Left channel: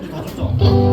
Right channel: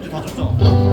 이제 다 줬죠?